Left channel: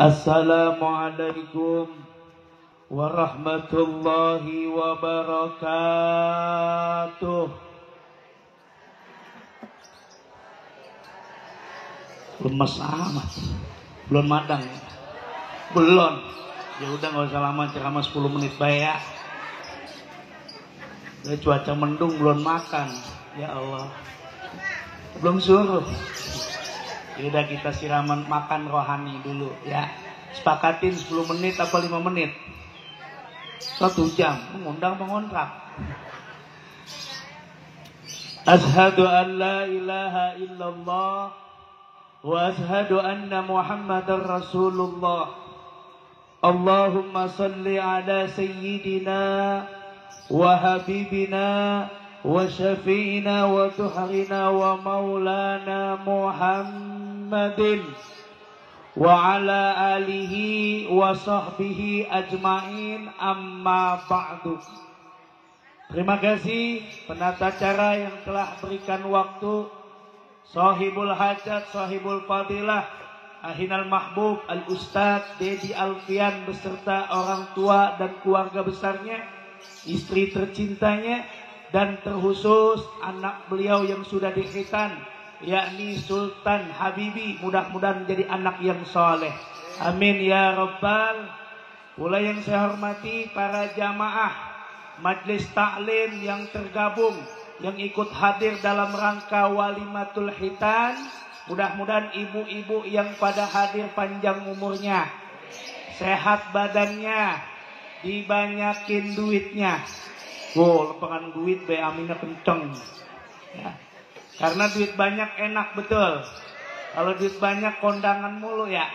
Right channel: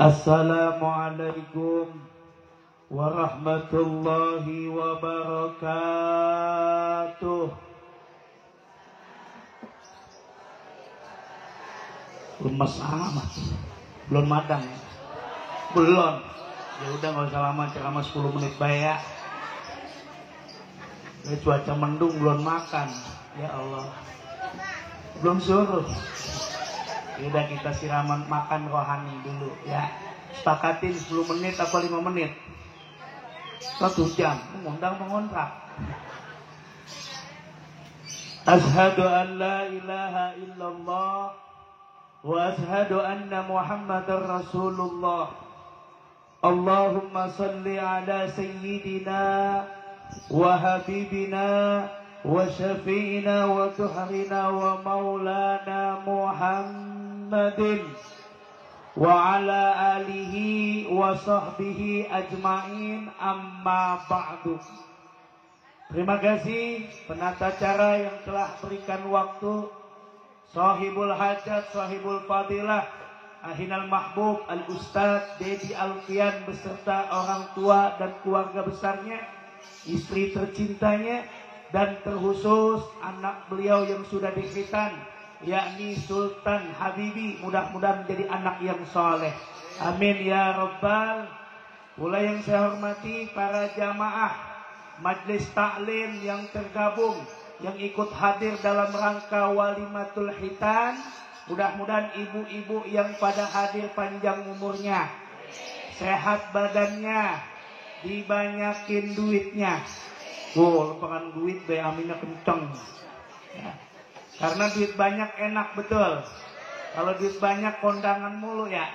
Assalamualaikum warahmatullahi wabarakatuh. Lemes amat. Belum madang ya? Belum. Ya udah nggak usah lama, ceramah 10 menit bayar. Ya, cuaca mendung belum makan. Ya Allah. Belum suruh. Ya udah kita siraman makan rohani dulu ya. Sepakatin 10 menit atau 5 menit. 1 jam. Ngundang pengontrak. Ashhadu an la ilaha illallah wa ashhadu anna Muhammadar Rasulullah. Allahumma salli ala sayyidina wa habibina wa syafi'ina wa tuhrina wa maulana Muhammadin wa ala alihi wa sahbihi ajma'in, amma ba'du. Terima kasih penata acara yang telah berikan waktu, sahibul hajat, sahibul fadilah, Ahinal Mahbub Al-Ustadz Dedi Alfian beserta orang tua dan keluarga besarnya, istri tercintanya, dan terkhusus anak beliau yang sudah dikhitan, yakni Sultan Habibi. Mudah-mudahan menjadi anak yang soleh. Amin ya Rabbal. Pula yang saya hormati para jamaah Majlis Taklim yang tergabung, yang ikut hadir dalam rangka Walimatul Khitan. Mudah-mudahan ibu-ibu yang pada hadir panjang umurnya, sehat badannya, dibanyakin duitnya. Lupakan duit be, aminnya kenceng ya. Karena duit banyak enak betul. Kalau duit banyak kondangan mulu ya.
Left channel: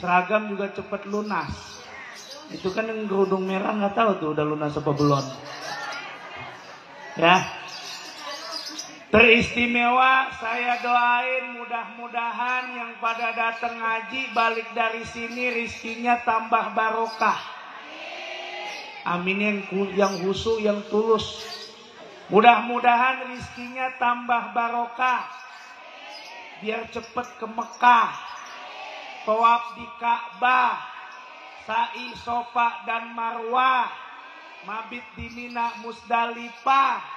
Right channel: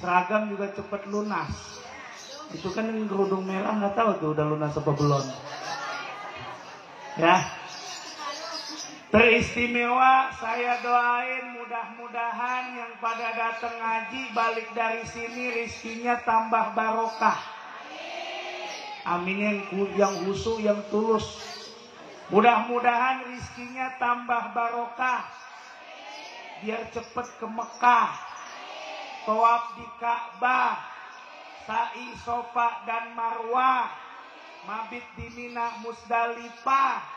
Seragam juga cepet lunas. Itu kan yang kerudung merah nggak tahu tuh udah lunas apa belum. Ya. Teristimewa, saya doain mudah-mudahan yang pada datang ngaji balik dari sini rizkinya tambah barokah. Amin yang khusyuk, yang tulus. Mudah-mudahan rizkinya tambah barokah. Biar cepet ke Mekah, tawaf di Ka'bah, sa'i Sofa dan Marwah, mabit di Mina Musdalifah,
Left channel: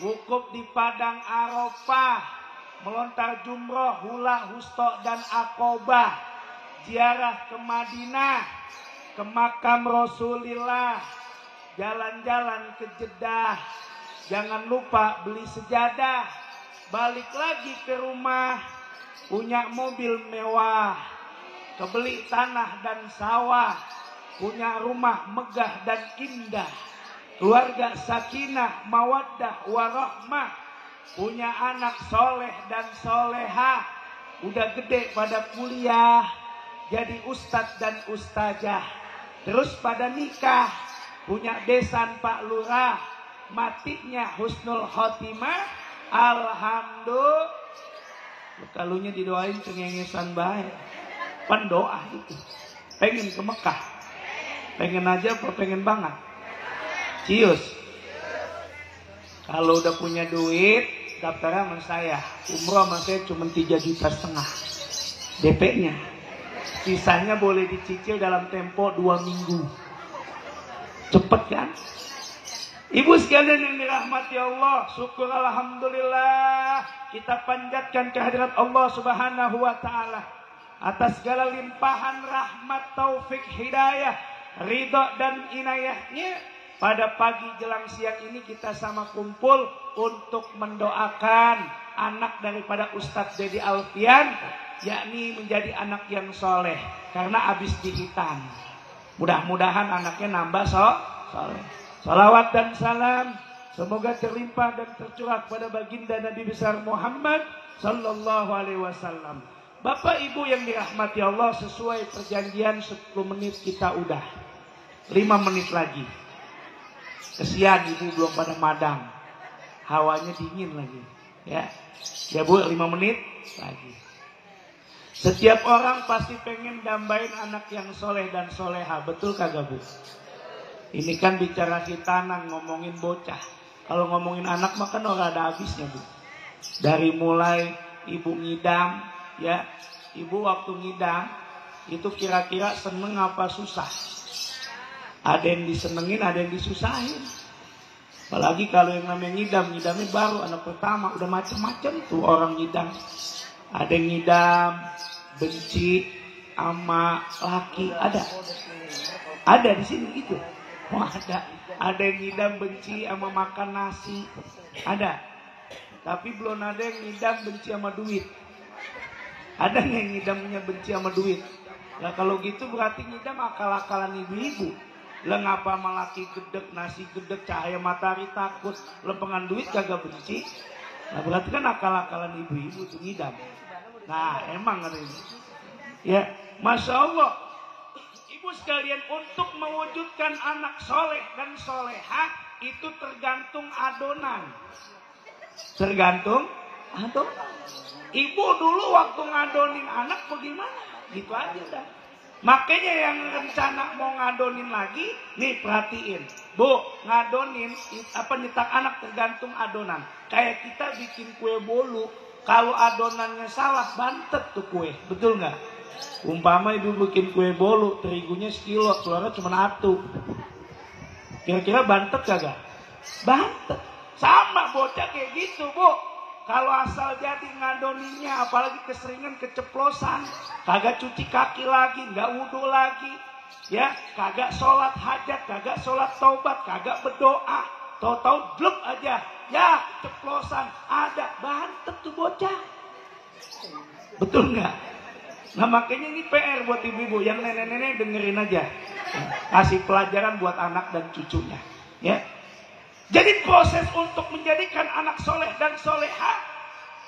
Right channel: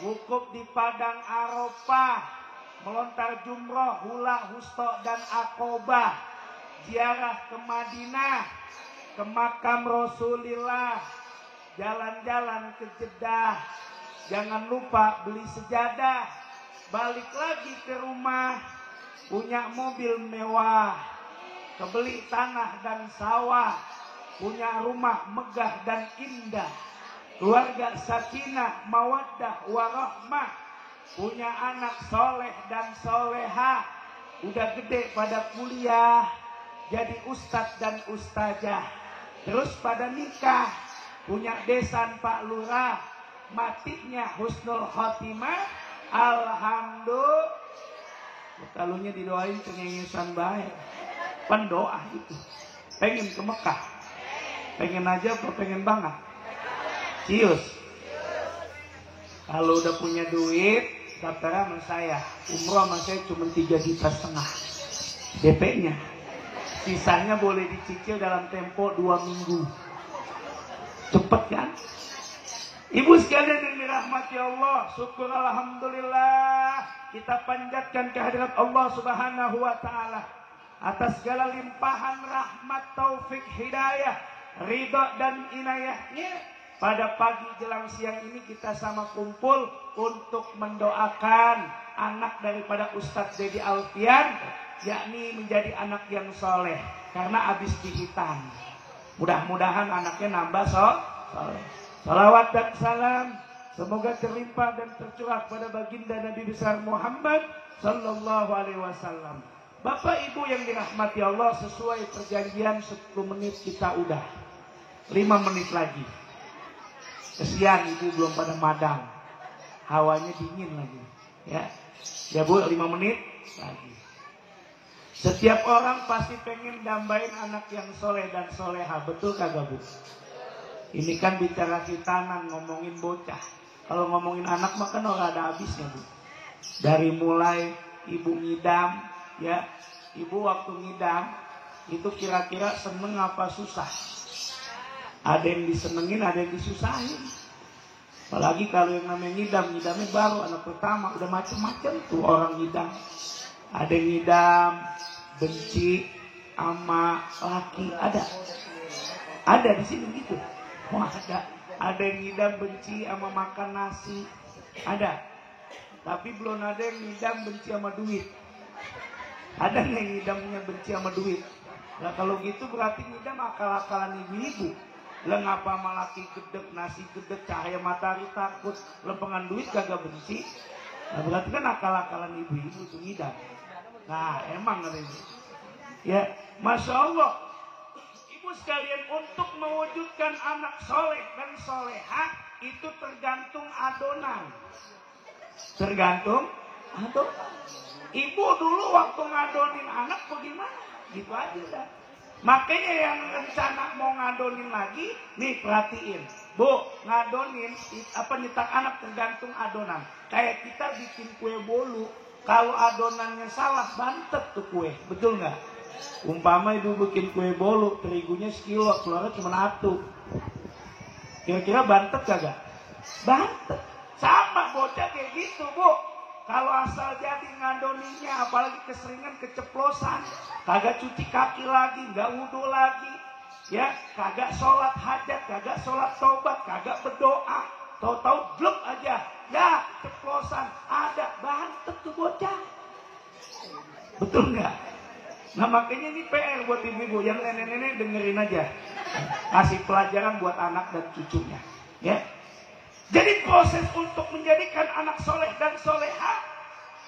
wukuf di Padang Arafah, melontar jumroh, hula, husto dan Aqobah, ziarah ke Madinah, ke makam Rasulillah, jalan-jalan ke Jeddah, jangan lupa beli sejadah, balik lagi ke rumah, punya mobil mewah, kebeli tanah dan sawah, punya rumah megah dan indah, keluarga sakinah, mawaddah, warahmah, punya anak soleh dan solehah, udah gede pada kuliah, jadi ustadz dan ustazah, terus pada nikah, punya besan Pak Lurah, matinya husnul khotimah, alhamdulillah. Kalunya didoain cengengesan baik, pendoa itu. Pengen ke Mekah, pengen aja apa pengen banget? Cius. Kalau udah punya duit, daftar sama saya. Umroh sama saya cuma 3,5 juta DP-nya. Sisanya boleh dicicil dalam tempo 2 minggu. Cepet kan? Ibu sekalian yang dirahmati Allah, syukur alhamdulillah kita panjatkan kehadirat Allah Subhanahu wa taala atas segala limpahan rahmat, taufik, hidayah, ridha dan inayahnya. Pada pagi jelang siang ini kita sama kumpul untuk mendoakan anak daripada Ustadz Dedi Alfian, yakni menjadi anak yang soleh karena habis dihitan. Mudah-mudahan anaknya nambah soleh. Salawat dan salam semoga terlimpah dan tercurah pada baginda Nabi besar Muhammad Sallallahu Alaihi Wasallam. Bapak Ibu yang dirahmati Allah, sesuai perjanjian 10 menit kita udah 5 menit lagi. Kesian ibu belum pada madang, hawanya dingin lagi ya. Ya Bu, 5 menit lagi. Setiap orang pasti pengen dambain anak yang soleh dan soleha, betul kagak Bu? Ini kan bicara khitanan, ngomongin bocah. Kalau ngomongin anak mah kan orang ada habisnya Bu. Dari mulai ibu ngidam ya, ibu waktu ngidam itu kira-kira seneng apa susah? Ada yang disenengin, ada yang disusahin. Apalagi kalau yang namanya ngidamnya baru anak pertama, udah macem-macem tuh orang ngidam. Ada yang ngidam benci sama laki, ada di sini itu. Oh, ada yang ngidam benci sama makan nasi, ada. Tapi belum ada yang ngidam benci sama duit. Ada yang ngidamnya benci sama duit. Nah kalau gitu berarti ngidam akal-akalan ibu-ibu. Lah ngapa malaki gedek, nasi gedek, cahaya matahari takut, lempengan duit kagak benci. Nah berarti kan akal-akalan ibu-ibu itu ngidam. Nah emang ini. Ya, Masya Allah. Ibu sekalian, untuk mewujudkan anak soleh dan solehah itu tergantung adonan. Tergantung adonan. Ibu dulu waktu ngadonin anak bagaimana? Gitu aja dah. Makanya yang rencana mau ngadonin lagi, nih perhatiin. Bu, ngadonin apa nyetak anak tergantung adonan. Kayak kita bikin kue bolu, kalau adonannya salah bantet tuh kue, betul nggak? Umpama ibu bikin kue bolu, terigunya sekilo, keluarnya cuma 1. Kira-kira bantet kagak? Bantet. Sama bocah kayak gitu, Bu. Kalau asal jadi ngadoninnya, apalagi keseringan keceplosan, kagak cuci kaki lagi, nggak wudhu lagi, ya, kagak sholat hajat, kagak sholat taubat, kagak berdoa, tahu-tahu bluk aja, ya, ceplosan, ada bantet tuh bocah, betul nggak? Nah makanya ini PR buat ibu-ibu, yang nenek-nenek dengerin aja, kasih pelajaran buat anak dan cucunya, ya. Jadi proses untuk menjadikan anak soleh dan solehah,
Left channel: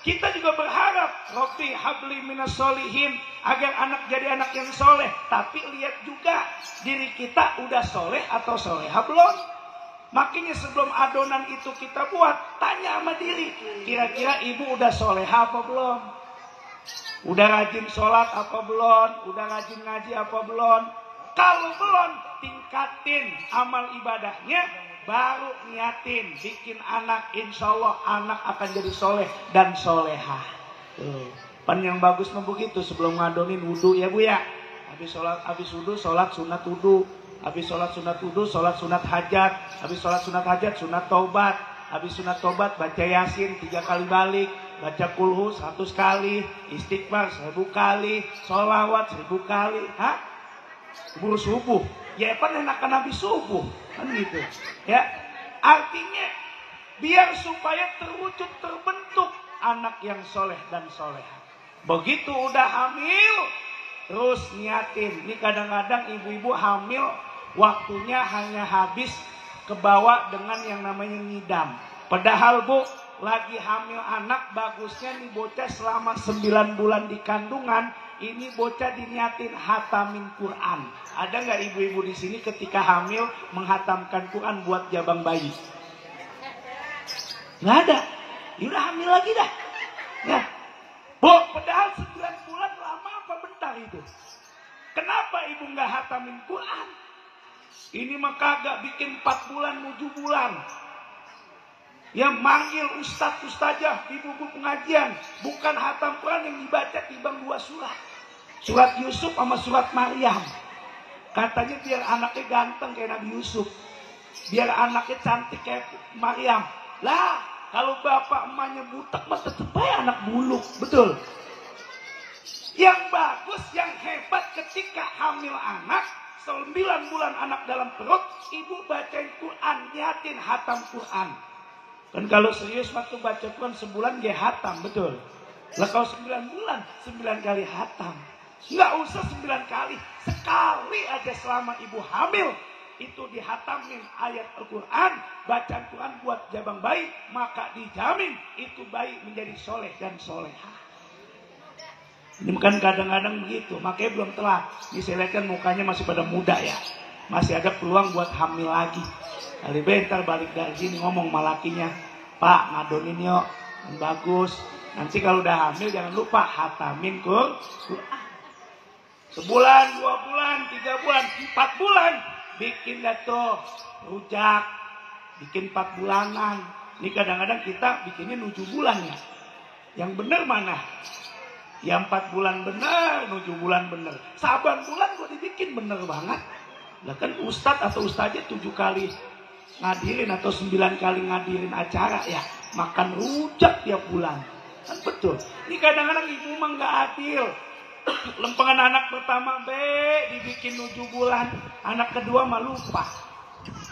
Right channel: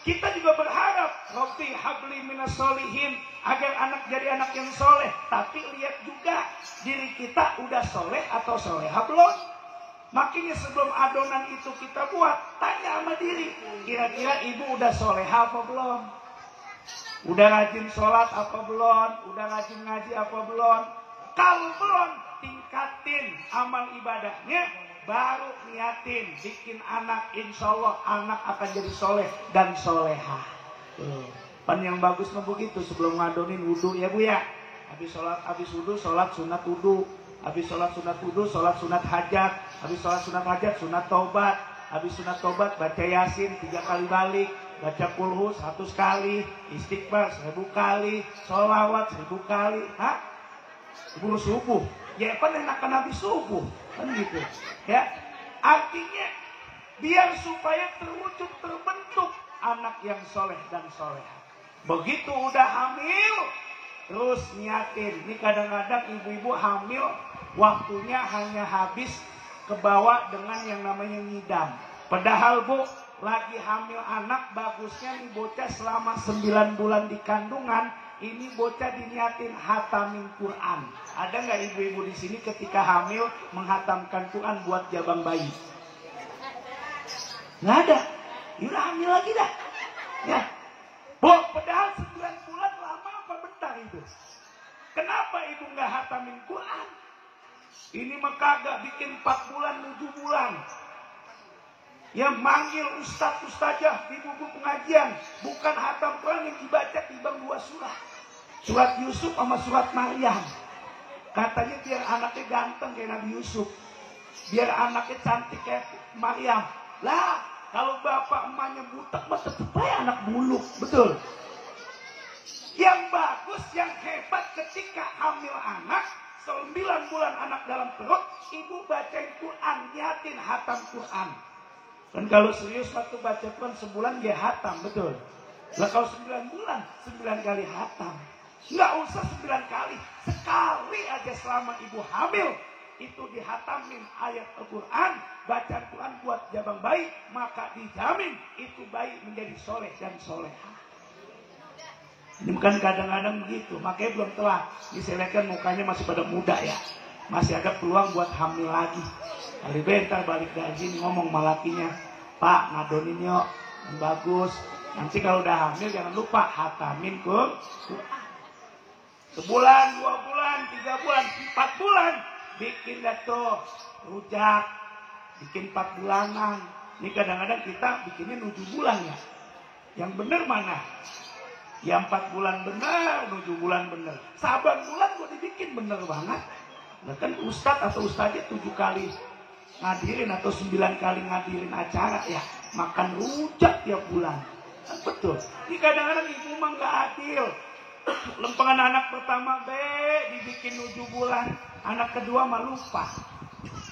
kita juga berharap Rabbi habli minas solihin, agar anak jadi anak yang soleh. Tapi lihat juga diri kita udah soleh atau solehah belum. Makanya sebelum adonan itu kita buat, tanya sama diri, kira-kira ibu udah solehah apa belum? Udah rajin sholat apa belum? Udah rajin ngaji apa belum? Kalau belum, tingkatin amal ibadahnya. Baru niatin bikin anak, insya Allah anak akan jadi soleh dan solehah. Pan yang bagus mau begitu, sebelum ngadonin wudhu ya Bu ya. Habis wudhu sholat sunat wudhu. Habis sholat sunat wudhu sholat sunat hajat. Habis sholat sunat hajat sunat taubat. Habis sunat taubat baca yasin 3 kali balik. Baca kulhu 100 kali. Istighfar 1000 kali. Sholawat 1000 kali. Hah? Sebelum subuh. Ya kan enakan habis subuh. Kan gitu. Ya. Artinya biar supaya terwujud terbentuk anak yang soleh dan solehah. Begitu udah hamil, terus niatin. Ini kadang-kadang ibu-ibu hamil waktunya hanya habis kebawa dengan yang namanya ngidam. Padahal Bu, lagi hamil anak bagusnya nih bocah selama 9 bulan di kandungan, ini bocah diniatin hatamin Quran. Ada nggak ibu-ibu di sini ketika hamil menghatamkan Quran buat jabang bayi? Nggak ada. Ya udah hamil lagi dah. Ya. Bu, padahal 9 bulan lama apa bentar itu? Kenapa ibu nggak hatamin Quran? Ini mah kagak bikin 4 bulan 7 bulan. Yang manggil ustaz-ustazah di buku pengajian, bukan hatam Quran yang dibaca timbang 2 surat. Surat Yusuf sama surat Maryam. Katanya biar anaknya ganteng kayak Nabi Yusuf. Biar anaknya cantik kayak Maryam. Lah, kalau bapak emaknya butek mah tetep aja anak buluk, betul. Yang bagus, yang hebat ketika hamil anak, 9 bulan anak dalam perut, ibu bacain Quran, niatin hatam Quran. Dan kalau serius waktu baca Quran sebulan dia hatam, betul. Nah kalau 9 bulan, 9 kali hatam. Nggak usah 9 kali, sekali aja selama ibu hamil. Itu dihatamin ayat Al-Quran, bacaan Quran buat jabang bayi, maka dijamin itu bayi menjadi soleh dan solehah. Ini kan kadang-kadang gitu, makanya belum telat. Ini saya lihat kan mukanya masih pada muda ya. Masih ada peluang buat hamil lagi. Kali bentar balik dari sini ngomong malakinya, Pak ngadonin yuk, bagus. Nanti kalau udah hamil jangan lupa hatamin Quran. Sebulan, 2 bulan, 3 bulan, 4 bulan. Bikin dah tuh rujak, bikin 4 bulanan. Ini kadang-kadang kita bikinnya 7 bulan ya. Yang benar mana? Ya 4 bulan bener, 7 bulan bener. Saban bulan gua dibikin bener banget. Lah kan ustadz atau ustadznya 7 kali ngadirin atau 9 kali ngadirin acara ya. Makan rujak tiap bulan. Kan betul. Ini kadang-kadang ibu mah nggak adil. Lempengan anak pertama B dibikin 7 bulan. Anak kedua mah lupa.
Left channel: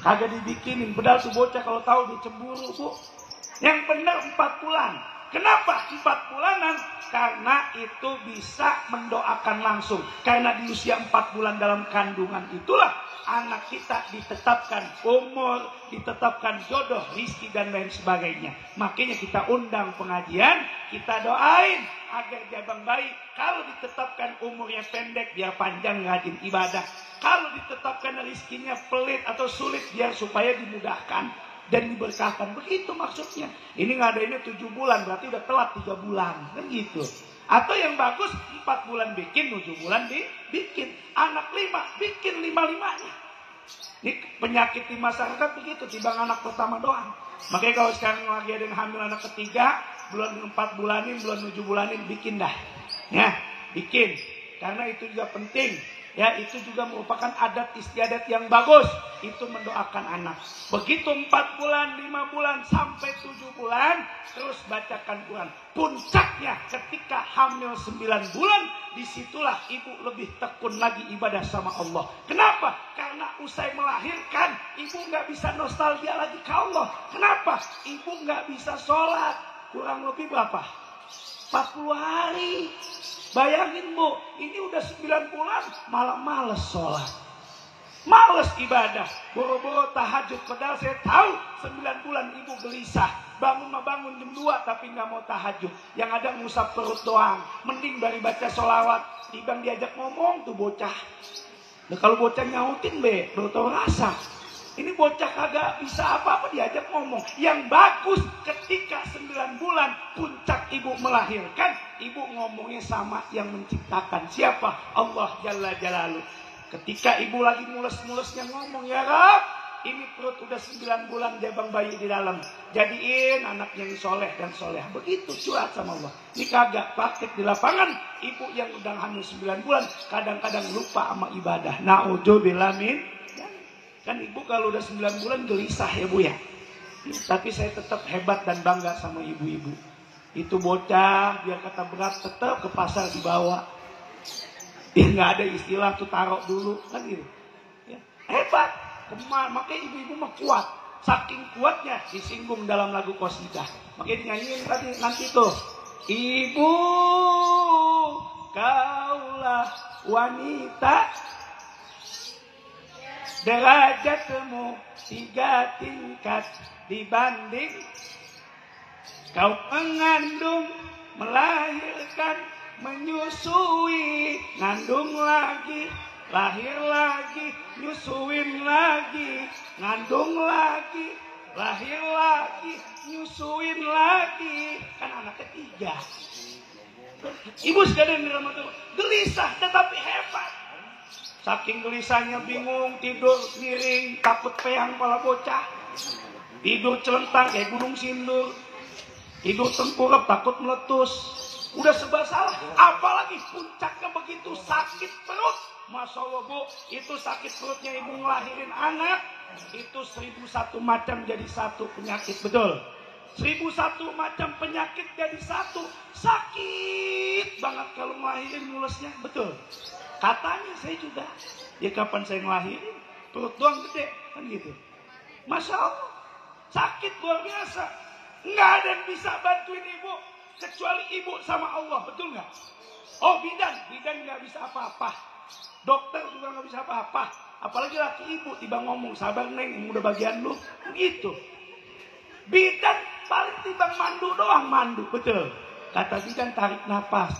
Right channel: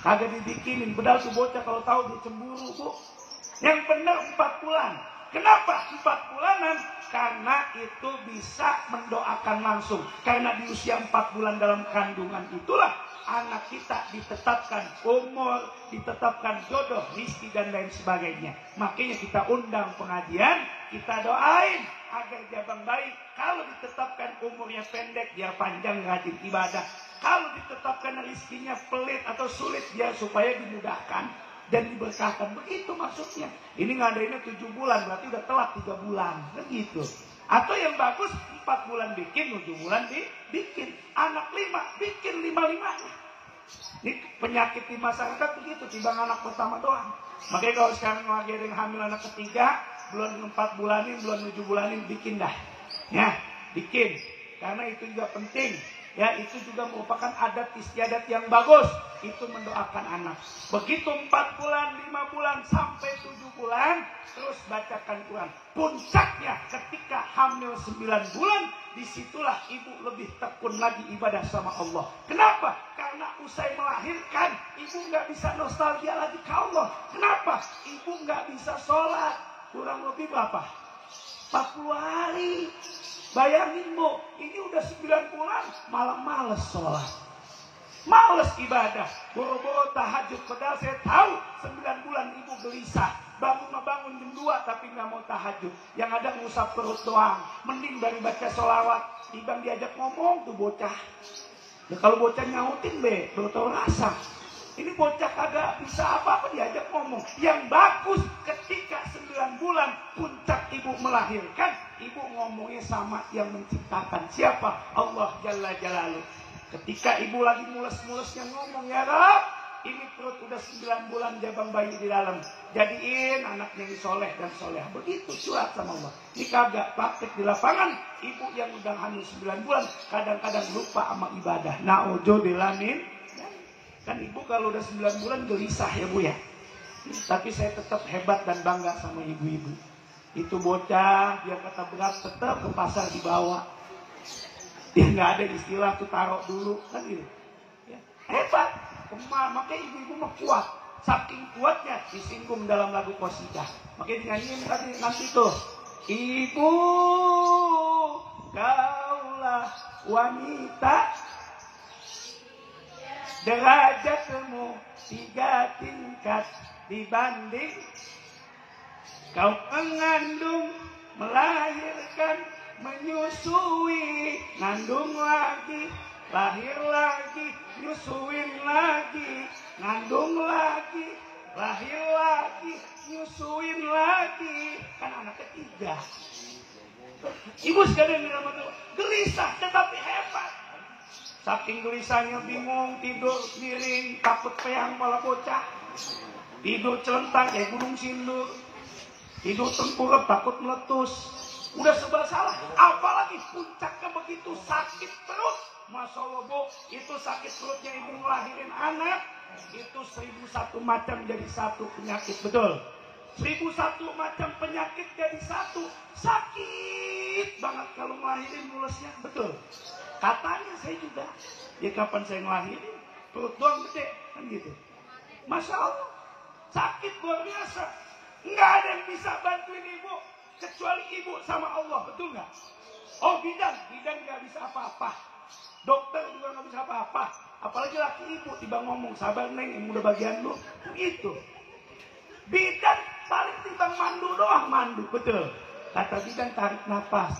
Kagak dibikinin. Padahal tuh bocah kalau tahu dia cemburu bu. Yang benar 4 bulan. Kenapa 4 bulanan? Karena itu bisa mendoakan langsung. Karena di usia 4 bulan dalam kandungan itulah anak kita ditetapkan umur, ditetapkan jodoh, rizki dan lain sebagainya. Makanya kita undang pengajian, kita doain agar jabang bayi kalau ditetapkan umurnya pendek biar panjang rajin ibadah. Kalau ditetapkan rizkinya pelit atau sulit biar supaya dimudahkan dan diberkahkan. Begitu maksudnya. Ini ngadainnya 7 bulan berarti udah telat 3 bulan kan gitu. Atau yang bagus 4 bulan bikin, 7 bulan dibikin. Anak 5 bikin 5-5-nya. Ini penyakit di masyarakat begitu, timbang anak pertama doang. Makanya kalau sekarang lagi ada yang hamil anak ketiga, bulan 4 bulanin, bulan 7 bulanin bikin dah. Ya, bikin. Karena itu juga penting. Ya, itu juga merupakan adat istiadat yang bagus. Itu mendoakan anak. Begitu 4 bulan, 5 bulan, sampai 7 bulan, terus bacakan Quran. Puncaknya ketika hamil 9 bulan, disitulah ibu lebih tekun lagi ibadah sama Allah. Kenapa? Karena usai melahirkan, ibu nggak bisa nostalgia lagi ke Allah. Kenapa? Ibu nggak bisa sholat. Kurang lebih berapa? 40 hari. Bayangin bu, ini udah 9 bulan malah males sholat. Males ibadah. Boro-boro tahajud. Padahal saya tahu 9 bulan ibu gelisah. Bangun jam 2 tapi nggak mau tahajud. Yang ada ngusap perut doang. Mending dari baca sholawat. Tiba diajak ngomong tuh bocah. Nah kalau bocah nyautin be, udah tau rasa. Ini bocah kagak bisa apa-apa diajak ngomong. Yang bagus ketika 9 bulan puncak ibu melahirkan, ibu ngomongnya sama yang menciptakan. Siapa? Allah Jalla Jalaluh. Ketika ibu lagi mules-mulesnya ngomong, ya Rab, ini perut udah 9 bulan jabang bayi di dalam. Jadiin anaknya yang soleh dan soleh. Begitu curhat sama Allah. Ini kagak praktek di lapangan. Ibu yang udah hamil 9 bulan kadang-kadang lupa sama ibadah. Na'udzubillah min. Kan ibu kalau udah 9 bulan gelisah ya bu ya. Tapi saya tetap hebat dan bangga sama ibu-ibu. Itu bocah, dia kata berat tetap ke pasar dibawa. Ya nggak ada istilah tuh taruh dulu kan gitu. Ya, hebat. Makanya ibu-ibu mah kuat. Saking kuatnya disinggung dalam lagu qasidah. Makanya nyanyiin tadi nanti tuh. Ibu kaulah wanita. Derajatmu 3 tingkat dibanding kau mengandung, melahirkan, menyusui, ngandung lagi, lahir lagi, nyusuin lagi, ngandung lagi, lahir lagi, nyusuin lagi. Kan anak ketiga. Ibu sekalian di rumah tuh gelisah tetapi hebat. Saking gelisahnya bingung, tidur miring, takut peyang kepala bocah. Tidur celentang kayak gunung sindur. Tidur tengkurap, takut meletus. Udah serba salah. Apalagi puncaknya begitu sakit perut. Masya Allah bu, itu sakit perutnya ibu ngelahirin anak. Itu 1001 macam jadi satu penyakit, betul. 1001 macam penyakit jadi satu. Sakit banget kalau ngelahirin mulusnya, betul. Katanya saya juga, ya kapan saya ngelahirin, perut doang gede, kan gitu. Masya Allah, sakit luar biasa. Nggak ada yang bisa bantuin ibu, kecuali ibu sama Allah, betul nggak? Oh bidan nggak bisa apa-apa. Dokter juga nggak bisa apa-apa. Apalagi laki ibu, tiba ngomong, sabar neng, yang udah bagian lu, begitu. Bidan paling tiba mandu doang, mandu, betul. Kata bidan tarik nafas,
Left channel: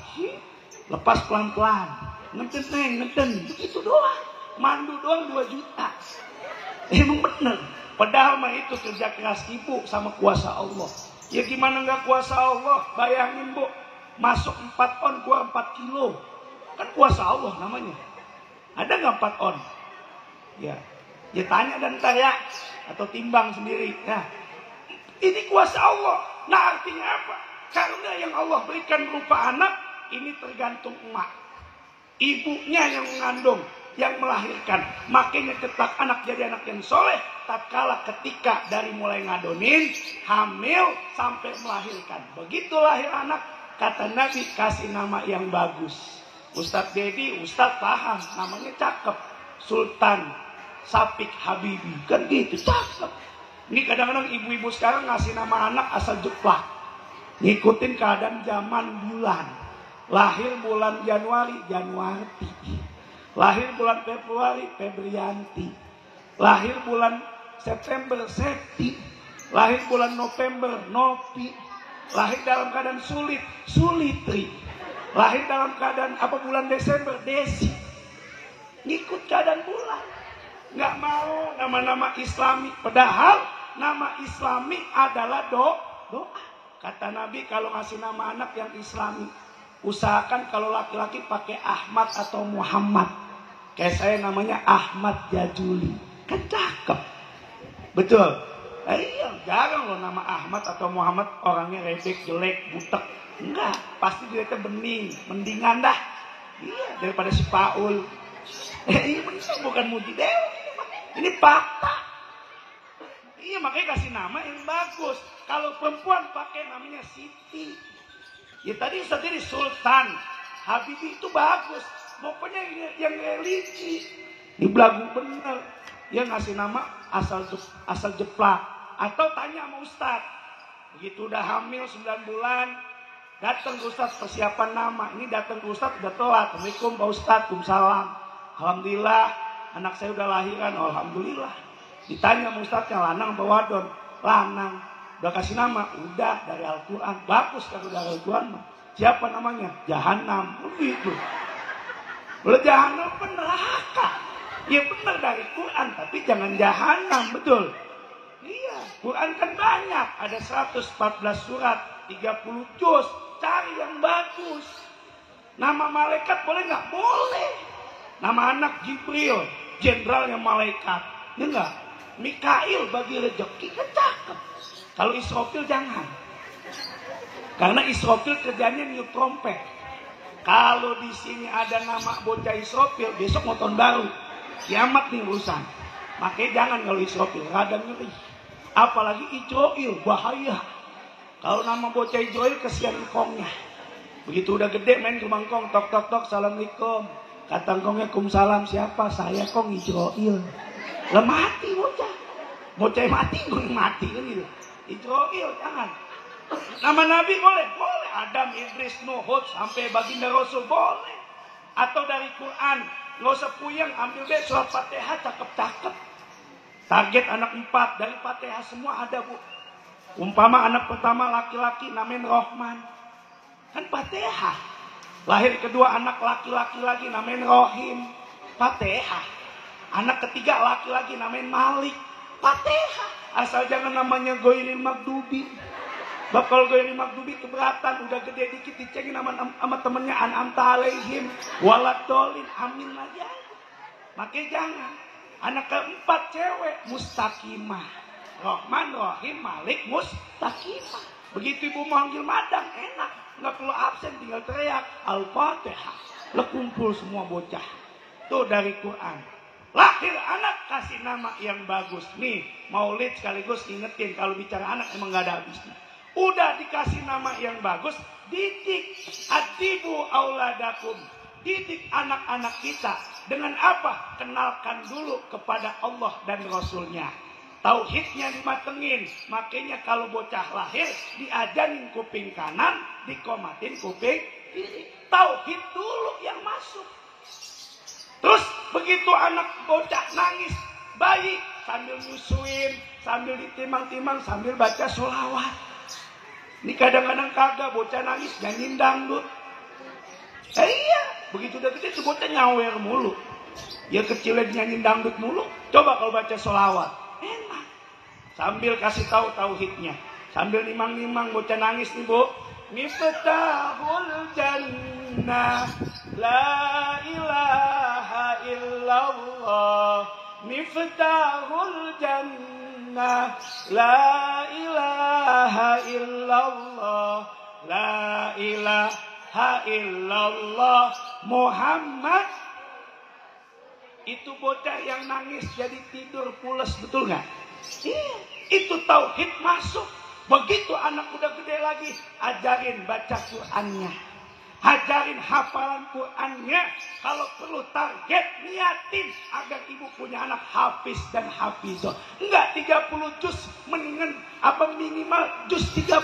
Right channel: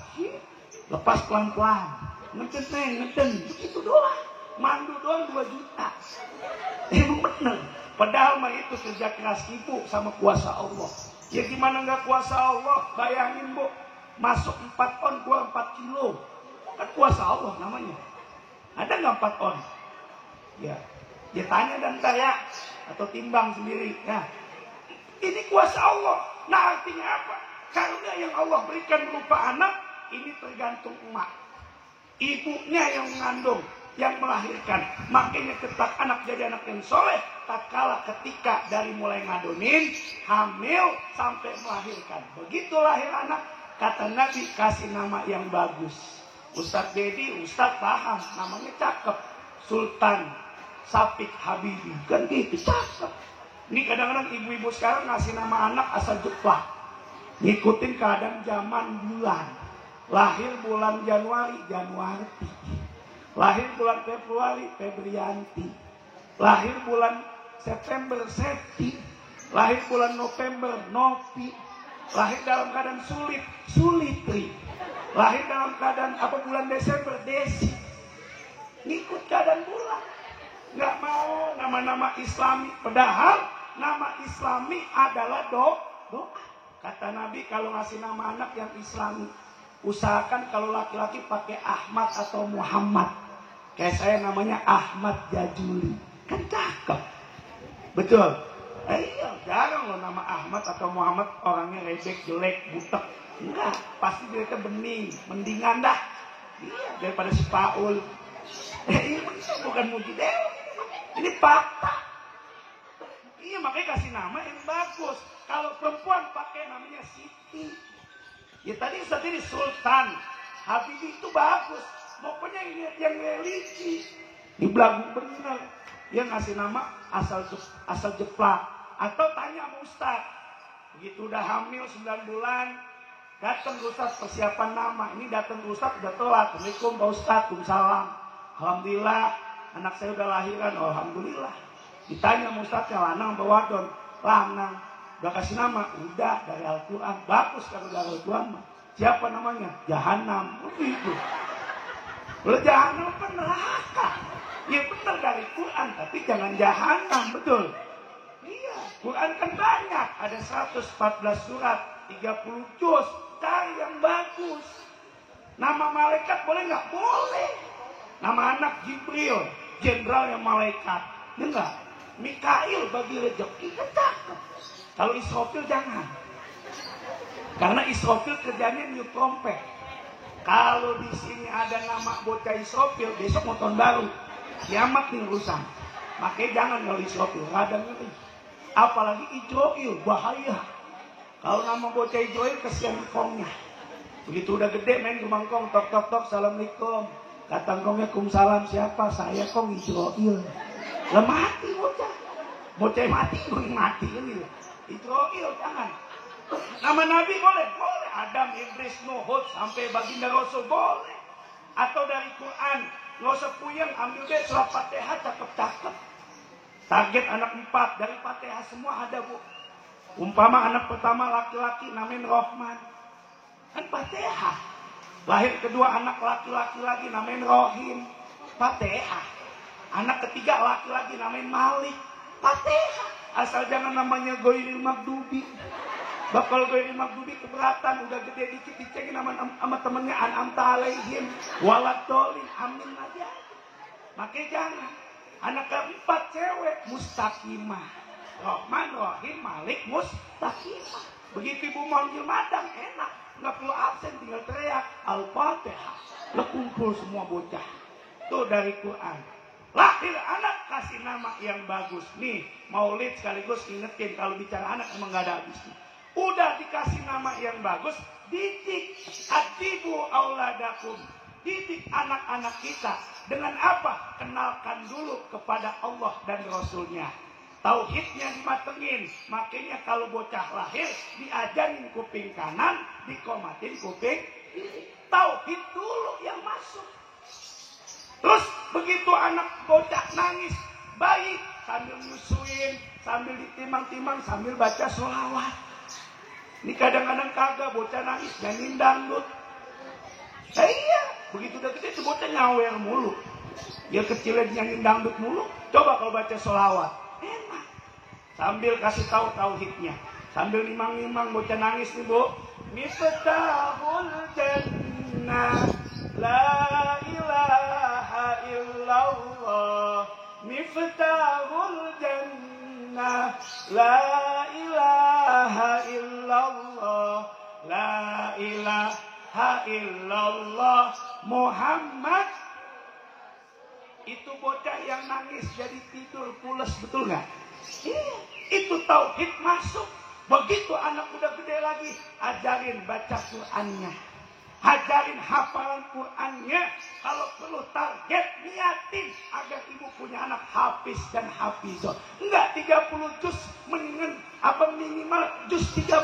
lepas pelan-pelan. Ngeten neng, ngeten, itu doang. Mandu doang 2 juta. Emang bener. Padahal mah itu kerja keras ibu sama kuasa Allah. Ya gimana nggak kuasa Allah? Bayangin bu, masuk 4 on, keluar 4 kilo. Kan kuasa Allah namanya. Ada nggak 4 on? Ya tanya dan tanya atau timbang sendiri. Nah, ini kuasa Allah. Nah artinya apa? Karena yang Allah berikan berupa anak, ini tergantung emak. Ibunya yang mengandung, yang melahirkan. Makanya tetap anak jadi anak yang soleh. Tak kalah ketika dari mulai ngadonin, hamil, sampai melahirkan. Begitu lahir anak, kata Nabi, kasih nama yang bagus. Ustadz Dedi, Ustadz paham, namanya cakep. Sultan Sapik Habibi, kan gitu, cakep. Ini kadang-kadang ibu-ibu sekarang ngasih nama anak asal jeplak. Ngikutin keadaan zaman bulan. Lahir bulan Januari, Januarti. Lahir bulan Februari, Febrianti. Lahir bulan September, Septi. Lahir bulan November, Novi. Lahir dalam keadaan sulit, Sulitri. Lahir dalam keadaan bulan Desember, Desi. Ngikut keadaan bulan. Nggak mau nama-nama Islami. Padahal nama Islami adalah doa. Kata Nabi kalau ngasih nama anak yang Islami, usahakan kalau laki-laki pakai Ahmad atau Muhammad. Kayak saya namanya Ahmad Jajuli. Kan cakep. Betul. Iya, jarang loh nama Ahmad atau Muhammad orangnya rebek, jelek, butek. Enggak, pasti dia bening, mendingan dah. Iya, daripada si Paul. Ini bukan muji dewa. Ini fakta. Iya, makanya kasih nama yang bagus. Kalau perempuan pakai namanya Siti. Ya tadi sendiri Sultan Habibi itu bagus. Pokoknya yang religi. Di belagu bener. Dia ngasih nama asal jeplak. Atau tanya sama Ustaz. Begitu udah hamil 9 bulan. Datang ke Ustaz persiapan nama. Ini datang ke Ustaz udah telat. Assalamualaikum Pak Ustaz. Waalaikumsalam. Alhamdulillah. Anak saya udah lahiran. Alhamdulillah. Ditanya sama Ustaznya lanang atau wadon. Lanang. Udah kasih nama, udah dari Al-Quran. Bagus kalau dari Al-Quran. Siapa namanya? Jahanam. Begitu. Udah Jahanam kan neraka. Ya benar dari Quran, tapi jangan Jahanam, betul. Iya, Quran kan banyak. Ada 114 surat, 30 juz. Cari yang bagus. Nama malaikat boleh nggak? Boleh. Nama anak Jibril, jenderal yang malaikat. Ini enggak. Mikail bagi rezeki, kan cakep. Kalau Israfil jangan. Karena Israfil kerjanya niup trompet. Kalau di sini ada nama bocah Israfil, besok mau tahun baru. Kiamat nih urusan. Makanya jangan kalau Israfil, rada ngeri. Apalagi Ijroil, bahaya. Kalau nama bocah Ijroil kesian engkongnya. Begitu udah gede main ke mangkong, tok tok tok, assalamualaikum. Kata engkongnya, "Kumsalam, siapa?" "Saya kong Ijroil." Lah mati bocah. Bocah mati, belum mati kan gitu. Ijroil jangan. Nama Nabi boleh, boleh. Adam, Idris, Nuh, sampai baginda Rasul boleh. Atau dari Quran, nggak usah puyeng, ambil deh surat Fatihah, cakep-cakep. Target anak 4 dari Fatihah semua ada bu. Umpama anak pertama laki-laki namanya Rohman, kan Fatihah. Lahir kedua anak laki-laki lagi namanya Rohim, Fatihah. Anak ketiga laki-laki namanya Malik, Fatihah. Asal jangan namanya Goirin Magdubi. Bakal Goirin Magdubi keberatan, udah gede dikit dicengin sama temennya An'amta alaihim waladolin, amin aja. Makanya jangan. Anak keempat cewek Mustaqimah, Rohman, Rohim, Malik, Mustaqimah. Begitu ibu manggil madang enak, nggak perlu absen, tinggal teriak Al-Fatihah. Lah kumpul semua bocah. Tuh dari Quran. Lahir anak kasih nama yang bagus. Nih maulid sekaligus ingetin kalau bicara anak emang gak ada habisnya. Udah dikasih nama yang bagus, didik. Adibu auladakum. Didik anak-anak kita. Dengan apa? Kenalkan dulu kepada Allah dan Rasulnya. Tauhidnya dimatengin. Makanya kalau bocah lahir diajarin kuping kanan, dikomatin kuping kiri. Tauhid dulu yang masuk. Terus begitu anak bocah nangis, bayi sambil nyusuin, sambil ditimang-timang, sambil baca sholawat. Ini kadang-kadang kagak bocah nangis nyanyiin dangdut. Iya, begitu udah gede tuh bocah nyawer mulu. Ya kecilnya nyanyiin dangdut mulu. Coba kalau baca sholawat, enak. Sambil kasih tahu tauhidnya, sambil nimang-nimang bocah nangis nih bu. Miftahul jannah, la ilaha illallah. Miftahul jannah, la ilaha illallah, la ilaha ilaha illallah Muhammad. Itu bocah yang nangis jadi tidur pules, betul nggak? Itu tauhid masuk. Begitu anak udah gede lagi, ajarin baca Qur'annya, ajarin hafalan Qur'annya. Kalau perlu target, niatin agar ibu punya anak hafiz dan hafizah. Enggak 30 juz, mendingan apa minimal juz 30.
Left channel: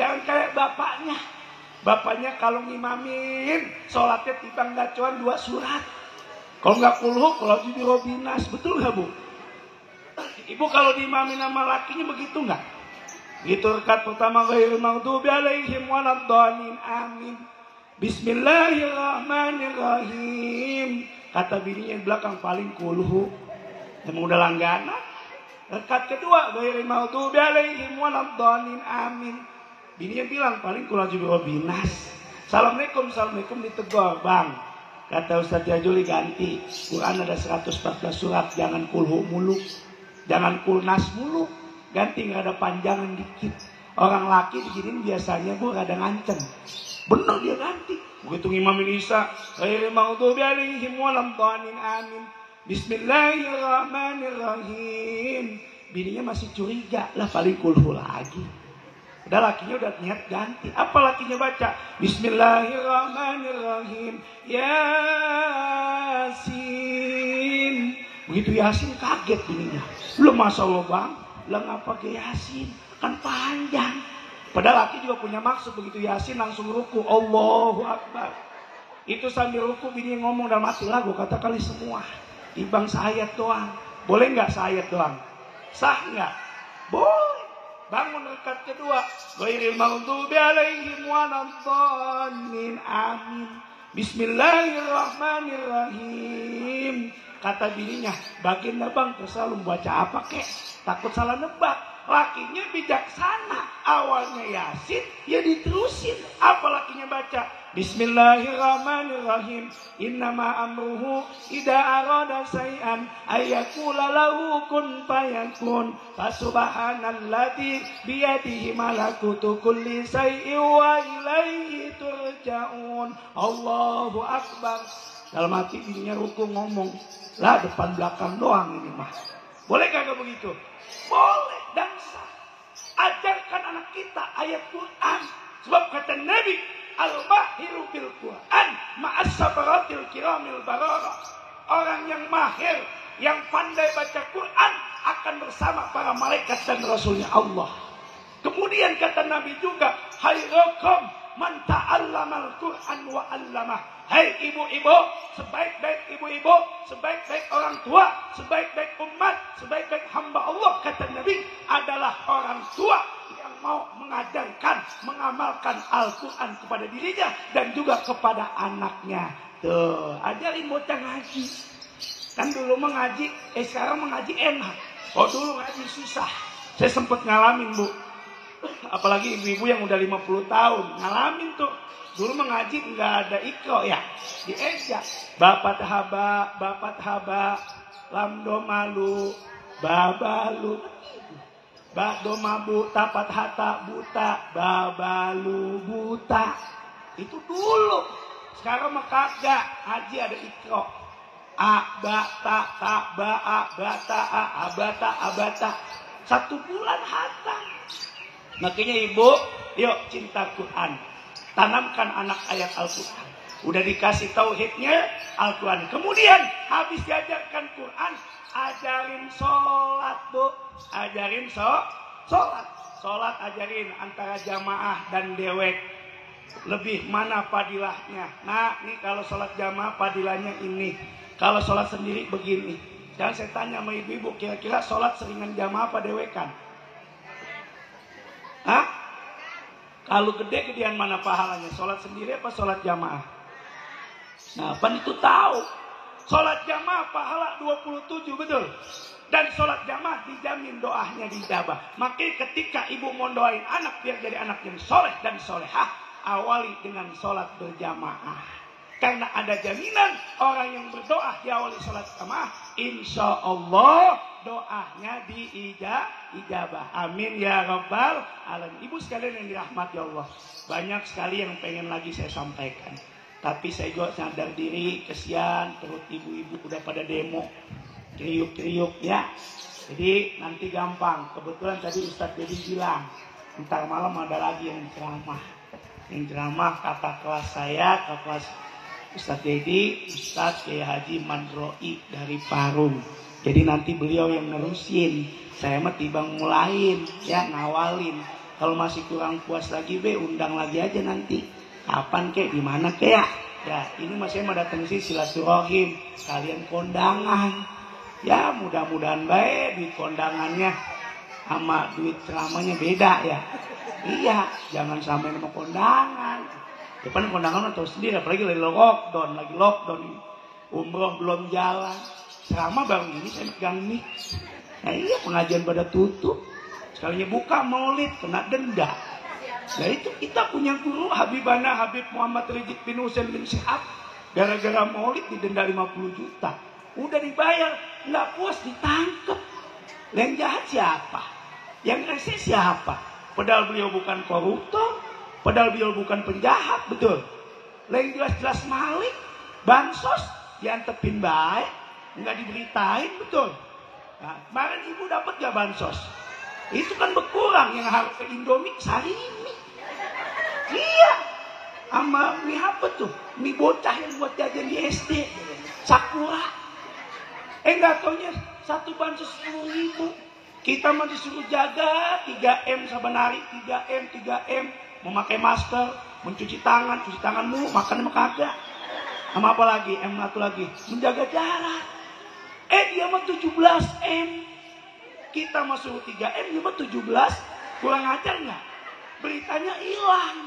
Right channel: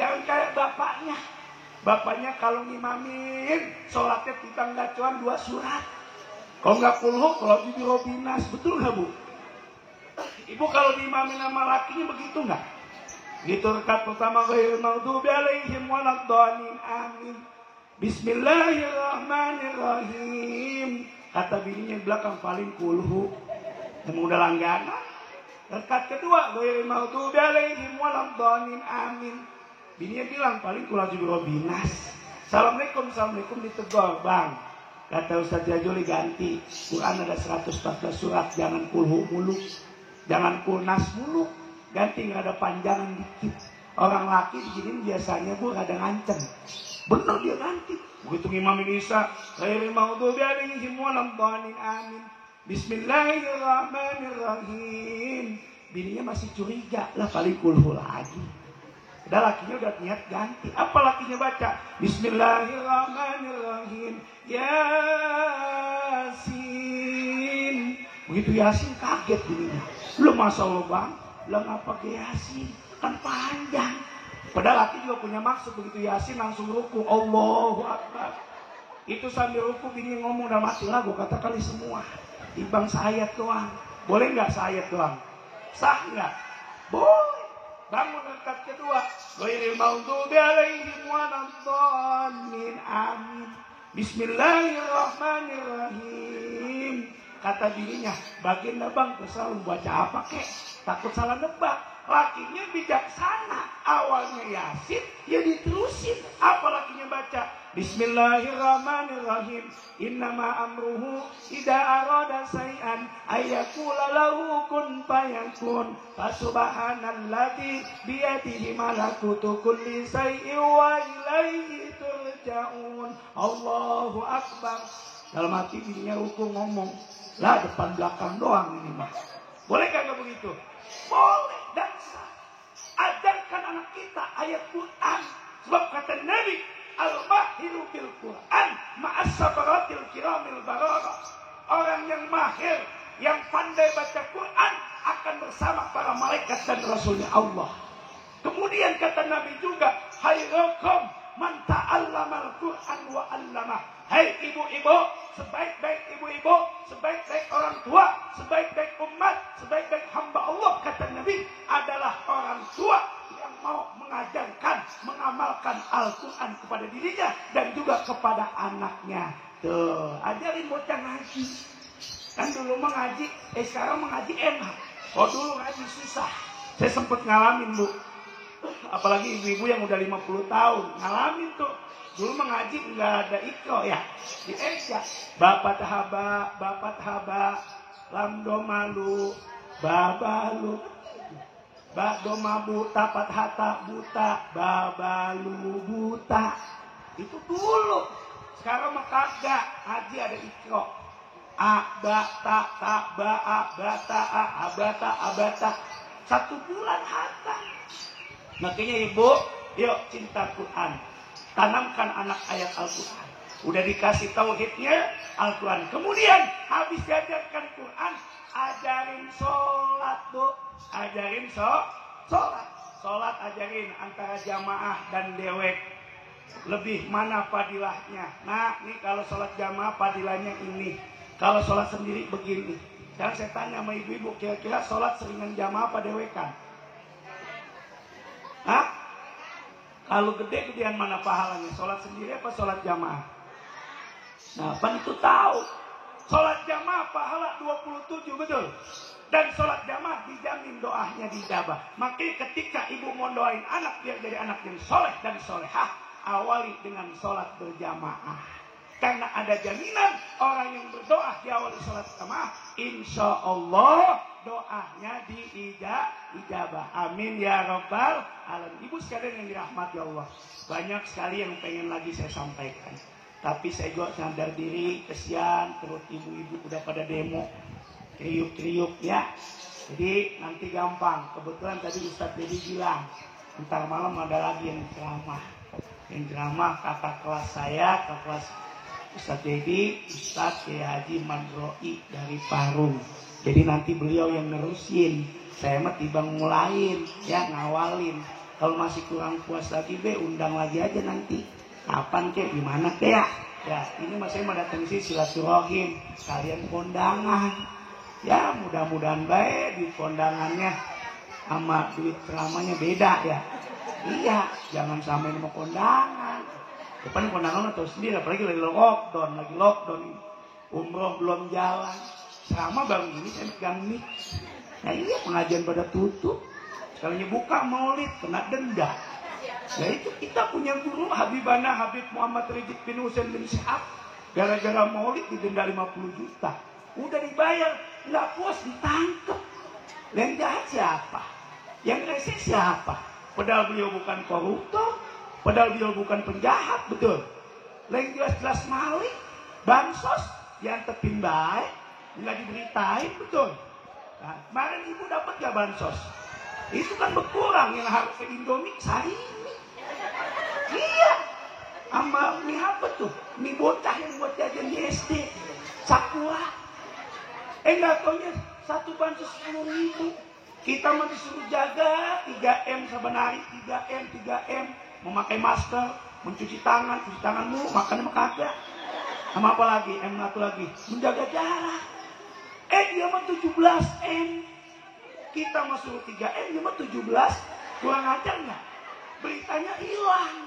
Jangan kayak bapaknya. Bapaknya kalau ngimamin, sholatnya tiba nggak cuma 2 surat. Kalau nggak kulhu, kalau di robinas, betul nggak bu? Ibu kalau diimamin sama lakinya begitu nggak? Gitu rekat pertama ghairil maghdubi alaihim waladdallin, amin. Bismillahirrahmanirrahim. Kata bininya di belakang paling kulhu. Yang udah langganan. Rekat kedua ghairil maghdubi alaihim waladdallin, amin. Bininya bilang paling kulhu di robinas. Assalamualaikum, assalamualaikum, ditegur, bang. Kata Ustaz Jajuli ganti. Quran ada 114 surat, jangan kulhu mulu, jangan kulnas mulu. Ganti nggak ada panjangan dikit. Orang laki diginin biasanya bu ada ngancem. Benar dia ganti. Begitu ngimamin Isa, ghairil maghdubi alaihim waladdallin, amin. Bismillahirrahmanirrahim. Bininya masih curiga, lah paling kulhu lagi. Udah lakinya udah niat ganti. Apa lakinya baca? Bismillahirrahmanirrahim. Yasin. Begitu Yasin kaget bininya. Belum Masya Allah bang. Lah ngapa ke Yasin? Kan panjang. Padahal laki juga punya maksud. Begitu Yasin langsung ruku. Allahu Akbar. Itu sambil ruku bini ngomong dalam hati lagu. Kata kali semua. Timbang seayat doang. Boleh nggak seayat doang? Sah nggak? Boleh. Bangun rakaat kedua. Ghairil maghdubi alaihim waladdallin, amin. Bismillahirrahmanirrahim. Kata bininya, baginda bang terserah lu baca apa kek, takut salah nebak. Lakinya bijaksana. Awalnya Yasin, ya diterusin. Apa lakinya baca? Bismillahirrahmanirrahim. Innama amruhu idza arada syai'an ayyakula lahu kun fayakun. Fasubhanalladzi biyadihi malakutu kulli syai'in wa ilaihi turja'un. Allahu Akbar. Dalam hati bininya ruku ngomong, lah depan belakang doang ini mah. Boleh kagak begitu? Boleh dan sah. Ajarkan anak kita ayat Quran. Sebab kata Nabi, al-mahiru bil Quran ma'as-sabaratil kiramil barara. Orang yang mahir, yang pandai baca Quran akan bersama para malaikat dan rasulnya Allah. Kemudian kata Nabi juga, khairukum man ta'allamal Quran wa 'allamah. Hai ibu-ibu, sebaik-baik ibu-ibu, sebaik-baik orang tua, sebaik-baik umat, sebaik-baik hamba Allah, kata Nabi, adalah orang tua yang mau mengajarkan, mengamalkan Al-Quran kepada dirinya dan juga kepada anaknya. Tuh, ajarin bocah ngaji. Kan dulu mengaji, sekarang mengaji enak. Oh dulu ngaji susah. Saya sempat ngalamin bu. Apalagi ibu-ibu yang udah 50 tahun ngalamin tuh. Dulu mengaji nggak ada ikro ya, diejak. Bapak haba, lamdo malu, babalu, bakdo mabu, tapat hata buta, babalu buta. Itu dulu. Sekarang mah kagak, haji ada ikro. Abata, ba, abata, abata, abata. 1 bulan hatam. Makanya ibu, yuk cinta Quran. Tanamkan anak ayat Al-Quran. Udah dikasih tauhidnya Al-Quran. Kemudian habis diajarkan Quran, ajarin sholat bu. Ajarin sholat. Sholat ajarin antara jamaah dan dewek. Lebih mana fadilahnya. Nah ini kalau sholat jamaah fadilahnya ini. Kalau sholat sendiri begini. Dan saya tanya sama ibu-ibu, kira-kira sholat seringan jamaah apa dewekan? Hah? Kalau gede-gedean mana pahalanya? Sholat sendiri apa sholat jamaah? Nah, pan itu tahu. Sholat jamaah pahala 27, betul? Dan sholat jamaah dijamin doanya dijabah. Makanya ketika ibu mau doain anak biar jadi anak yang soleh dan solehah, awali dengan sholat berjamaah. Karena ada jaminan orang yang berdoa diawali sholat jamaah, insya Allah doanya diijabah. Amin ya rabbal alamin. Ibu sekalian yang dirahmati Allah, banyak sekali yang pengen lagi saya sampaikan, tapi saya juga sadar diri, kesian terus ibu-ibu udah pada demo kriuk-kriuk ya. Jadi nanti gampang. Kebetulan tadi Ustadz Dedi bilang ntar malam ada lagi yang ceramah. Yang ceramah kata kelas saya, kata kelas Ustadz Dedi, Ustadz Kiai Haji Mandroi dari Parung. Jadi nanti beliau yang nerusin, saya mah tibang mulain ya, ngawalin. Kalau masih kurang puas lagi undang lagi aja nanti. Kapan kek, di mana kek ya? Ya ini mas saya mau datang sih silaturahim, sekalian kondangan. Ya mudah-mudahan baik duit kondangannya sama duit ceramahnya beda ya. Iya, jangan sampai mau kondangan. Depan kondangan atau sendiri, apalagi lagi lockdown, umroh belum jalan. Ceramah baru ini saya pegang nih. Nah iya, pengajian pada tutup. Sekalinya buka maulid kena denda. Nah itu kita punya guru Habibana Habib Muhammad Rizik bin Husain bin Syihab, gara-gara maulid didenda 50 juta. Udah dibayar, nggak puas ditangkap. Yang jahat siapa? Yang rese siapa? Padahal beliau bukan koruptor, padahal beliau bukan penjahat, betul. Yang jelas-jelas maling, bansos, diantepin baik, nggak diberitain, betul. Nah, kemarin ibu dapat gak bansos? Itu kan berkurang, yang harus ke Indomie sarimi. Iya, sama mie apa tuh? Mie bocah yang buat jajan di SD, Sakura. Enggak taunya satu bansos 10.000. Kita mah disuruh jaga 3M sebenarnya, 3M, memakai masker, mencuci tangan mulu, makan kagak. Sama apa lagi? M satu lagi, menjaga jarak. Dia mah 17M. Kita mah suruh 3M, dia mah 17. Kurang ajar nggak? Beritanya hilang.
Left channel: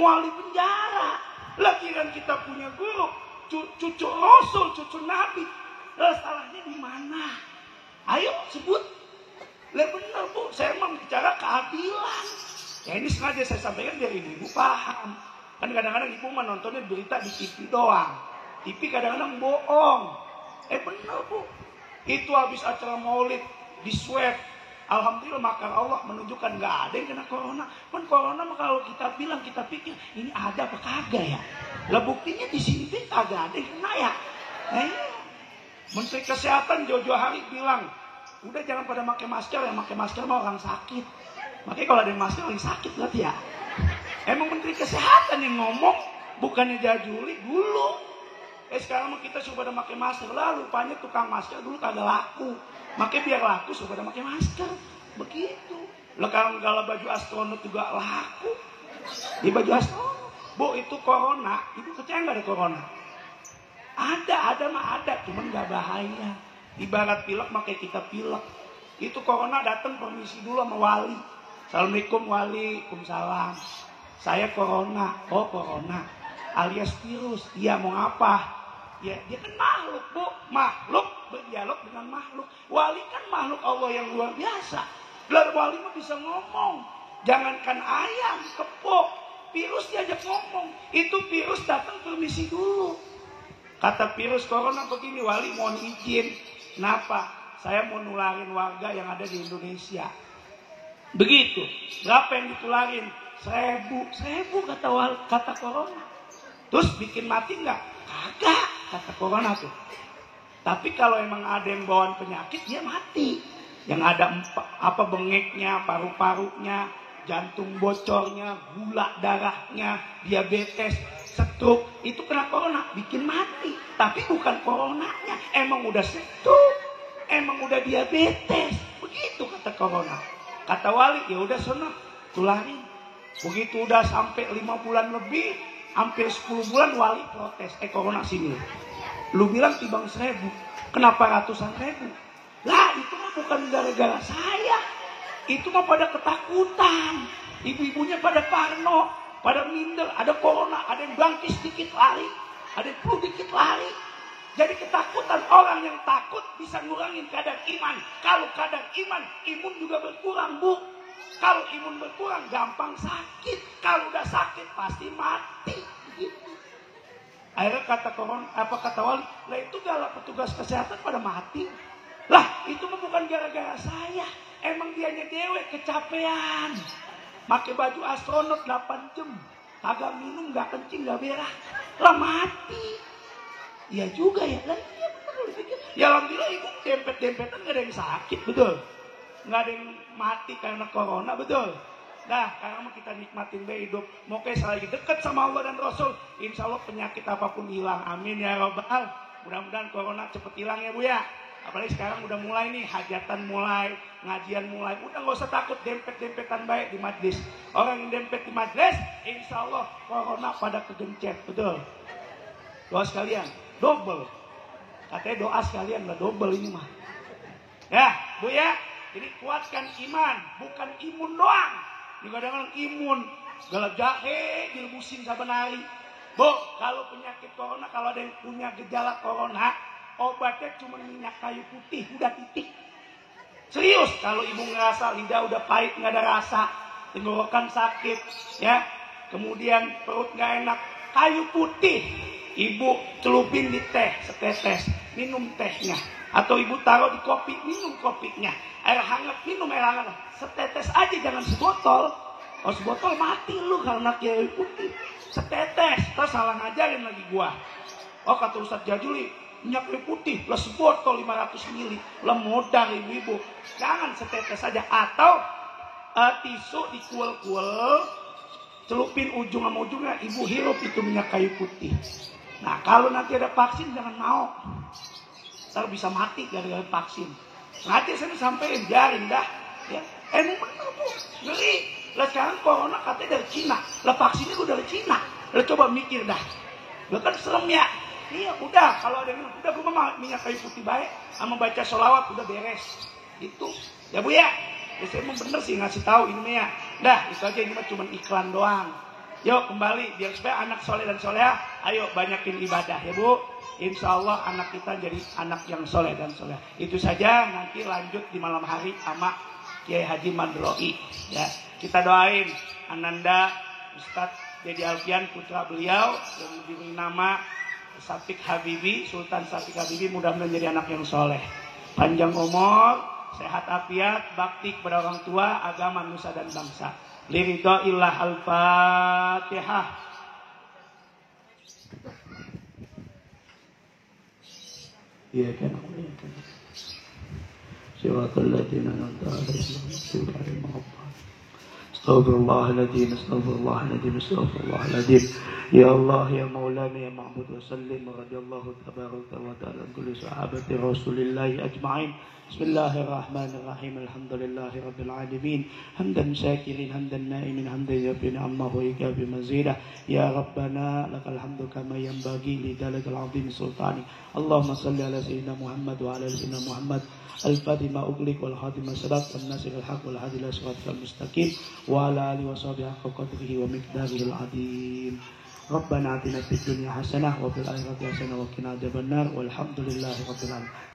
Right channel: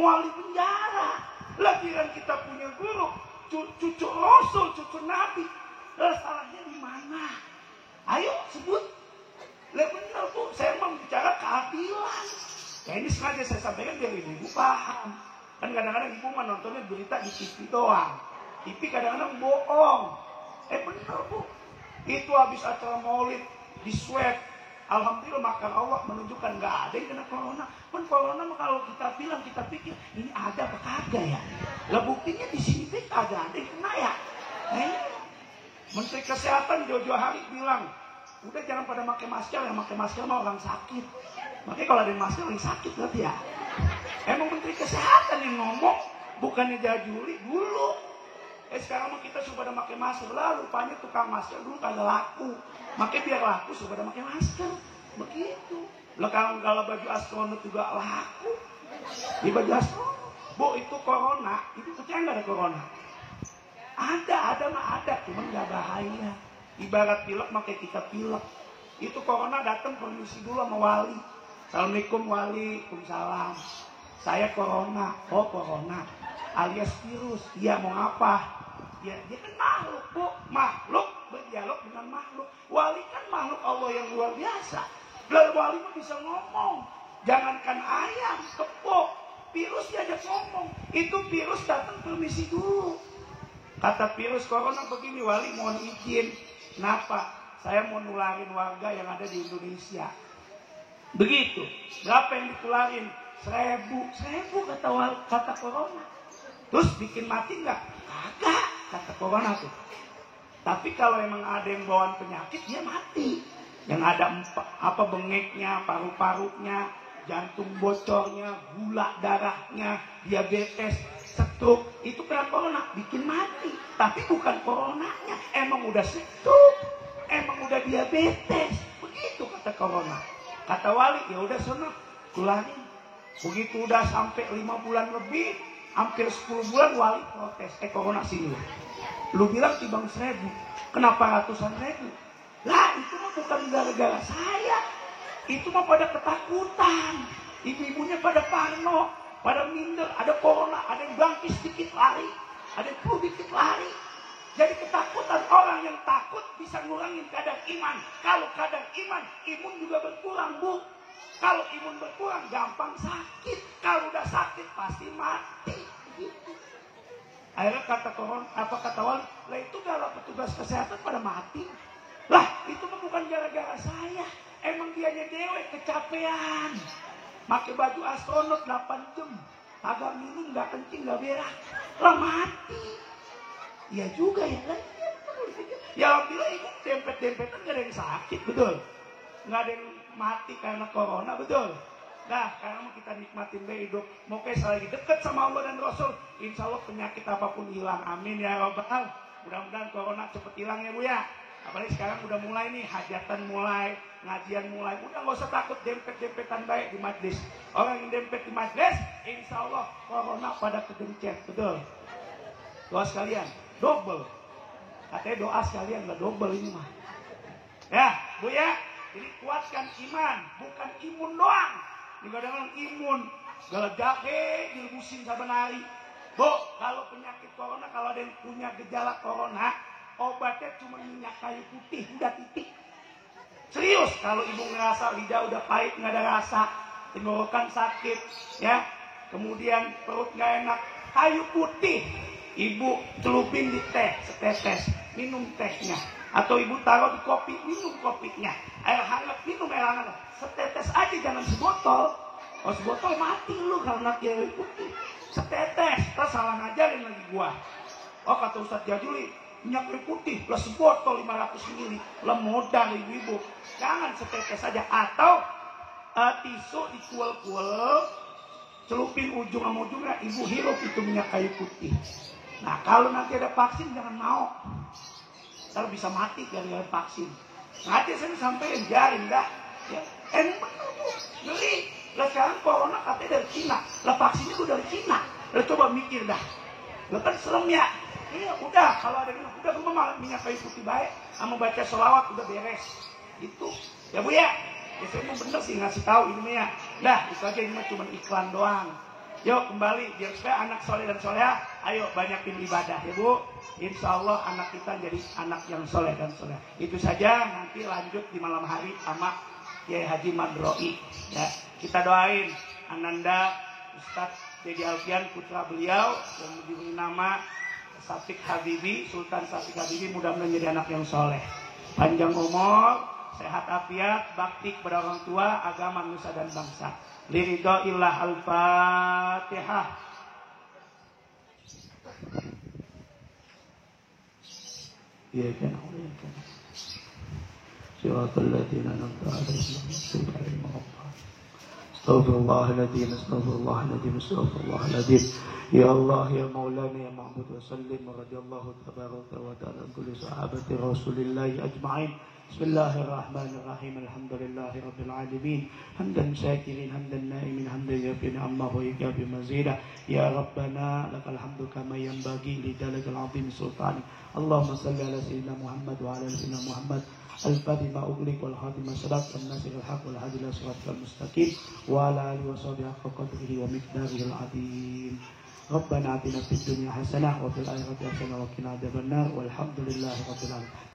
Mual di penjara. Lagi kan kita punya guru, cucu Rasul, cucu Nabi. Salahnya di mana? Ayo sebut. Benar Bu, saya mau bicara keadilan. Ya ini sengaja saya sampaikan biar ibu paham. Kan kadang-kadang ibu mah nontonnya berita di TV doang. TV kadang-kadang bohong. Benar Bu. Itu habis acara maulid di swab. Alhamdulillah makar Allah menunjukkan nggak ada yang kena corona. Kan corona kalau kita bilang kita pikir ini ada apa kagak ya? Lah buktinya di sini kagak ada yang kena ya. Menteri Kesehatan Jojo Hari bilang, udah jangan pada pakai masker, yang pakai masker mah orang sakit. Makanya kalau ada yang masker orang sakit berarti ya. Emang Menteri Kesehatan yang ngomong, bukannya Jajuli dulu. Sekarang kita sudah pada pakai masker, lah rupanya tukang masker dulu kagak laku. Makanya biar laku sudah pada pakai masker. Begitu. Lah kalau baju astronot juga laku. Di baju astronot. Bu itu corona, itu percaya nggak ada corona? Ada mah ada, cuma nggak bahaya. Ibarat pilek makai kita pilek. Itu corona datang permisi dulu sama wali. Assalamualaikum wali, waalaikumsalam. Saya corona, oh corona, alias virus. Dia mau apa? Ya dia kan makhluk Bu, makhluk berdialog dengan makhluk. Wali kan makhluk Allah yang luar biasa. Lalu wali mah bisa ngomong. Jangankan ayam, kepok, virus diajak ngomong. Itu virus datang permisi dulu. Kata virus corona begini, wali mohon izin. Kenapa? Saya mau nularin warga yang ada di Indonesia. Begitu. Berapa yang ditularin? 1000 kata corona. Terus bikin mati nggak? Kagak kata corona tuh. Tapi kalau emang ada yang bawaan penyakit dia mati. Yang ada bengeknya, paru-parunya, jantung bocornya, gula darahnya, diabetes, stroke, itu kena corona, bikin mati. Tapi bukan coronanya, emang udah stroke, emang udah diabetes. Begitu kata corona. Kata wali, ya udah sono, tularin. Begitu udah sampai 5 bulan lebih, hampir 10 bulan wali protes, corona sini. Lu bilang timbang 1000, kenapa ratusan ribu? Lah itu mah bukan gara-gara saya. Itu mah pada ketakutan. Ibu-ibunya pada parno, pada minder, ada corona, ada yang bangkit sedikit lari, ada yang flu dikit lari. Jadi ketakutan, orang yang takut bisa ngurangin kadar iman. Kalau kadar iman, imun juga berkurang Bu. Kalau imun berkurang, gampang sakit. Kalau udah sakit, pasti mati. Gitu. Akhirnya kata wali, lah itu kalau petugas kesehatan pada mati. Lah itu bukan gara-gara saya. Emang dianya dewek kecapean. Pakai baju astronot 8 jam. Kagak minum, gak kencing, gak berak. Lah mati. Iya juga ya kan? Ya alhamdulillah itu dempet-dempetan gak ada yang sakit, betul. Gak ada yang mati karena corona, betul. Nah, karena kita nikmatin hidup. Moga selagi dekat sama Allah dan Rasul, insya Allah penyakit apapun hilang. Amin ya Rabbal. Mudah-mudahan corona cepet hilang ya Bu ya. Apalagi sekarang udah mulai nih, hajatan mulai, ngajian mulai. Udah gak usah takut dempet-dempetan baik di majlis. Orang yang dempet di majlis, insya Allah corona pada kegencet, betul. Doa sekalian, double. Katanya doa sekalian lah double ini mah. Ya Bu ya, ini kuatkan iman, bukan imun doang. Juga dengan imun, jahe dilebusin saben hari. Bu, kalau penyakit corona, kalau ada yang punya gejala corona, obatnya cuma minyak kayu putih, udah titik. Serius, kalau ibu ngerasa lidah udah pahit, nggak ada rasa, tenggorokan sakit, ya, kemudian perut nggak enak, kayu putih, ibu celupin di teh setetes, minum tehnya. Atau ibu taruh di kopi, minum kopinya. Air hangat, minum air hangat. Setetes aja, jangan sebotol. Kalau sebotol mati lu karena kayu putih. Setetes, terus salah ngajarin lagi gua. Oh kata Ustadz Jajuli, minyak kayu putih plus sebotol 500 ml. Lemodar ibu-ibu. Jangan setetes aja. Atau tisu dikuel-kuel, celupin ujung sama ujungnya, ibu hirup itu minyak kayu putih. Nah kalau nanti ada vaksin jangan mau. Kalau bisa mati gara-gara vaksin. Mati saya sampai biarin dah. Ya. Beli. Lah sekarang corona katanya dari Cina. Lah vaksinnya udah dari Cina. Lah coba mikir dah. Lah kan serem ya. Iya udah. Kalau ada yang udah gue mah minyak kayu putih baik. Sama baca sholawat udah beres. Itu. Ya Bu ya. Ya saya mau bener sih ngasih tahu ini ya. Dah itu aja ini cuma iklan doang. Yuk kembali. Biar supaya anak soleh dan soleha. Ayo banyakin ibadah ya Bu. Insya Allah anak kita jadi anak yang soleh dan soleh. Itu saja, nanti lanjut di malam hari sama Kiai Haji Madroi. Ya, kita doain Ananda Ustadz Dedi Alfian putra beliau yang diberi nama Syafiq Habibi, Sultan Syafiq Habibi, mudah-mudahan jadi anak yang soleh. Panjang umur, sehat afiat, bakti kepada orang tua, agama, nusa dan bangsa. Liridho illah al-Fatihah. Ya kan, Siratal ladzina an'amta 'alaihim ghairil maghdubi 'alaihim. Astaghfirullahaladzim, astaghfirullahaladzim, astaghfirullahaladzim. Ya Allah, ya Maulana, ya Ma'bud wa sallim wa radiyallahu tabaraka wa ta'ala kulli sahabati Rasulillahi ajma'in. Bismillahirrahmanirrahim. Alhamdulillahi rabbil alamin. Hamdan syakirin, hamdan na'imin, hamdan yafi ni'amahu wa ikafi mazidah. Ya Rabbana lakal hamdu kama yanbaghi li jalalil azim sultani. Allahumma salli ala sayyidina Muhammad wa ala sayyidina Muhammad. Al-Fatih ma ughliq wal khatim ma sabaq an-nasir al-haq wal hadi ila siratal mustaqim wa ala alihi wa sahbihi haqqa qadrihi wa miqdarihi al-azim. Rabbana atina fid dunya hasanah wa fil akhirati hasanah wa qina adzabannar. Walhamdulillahi rabbil alamin.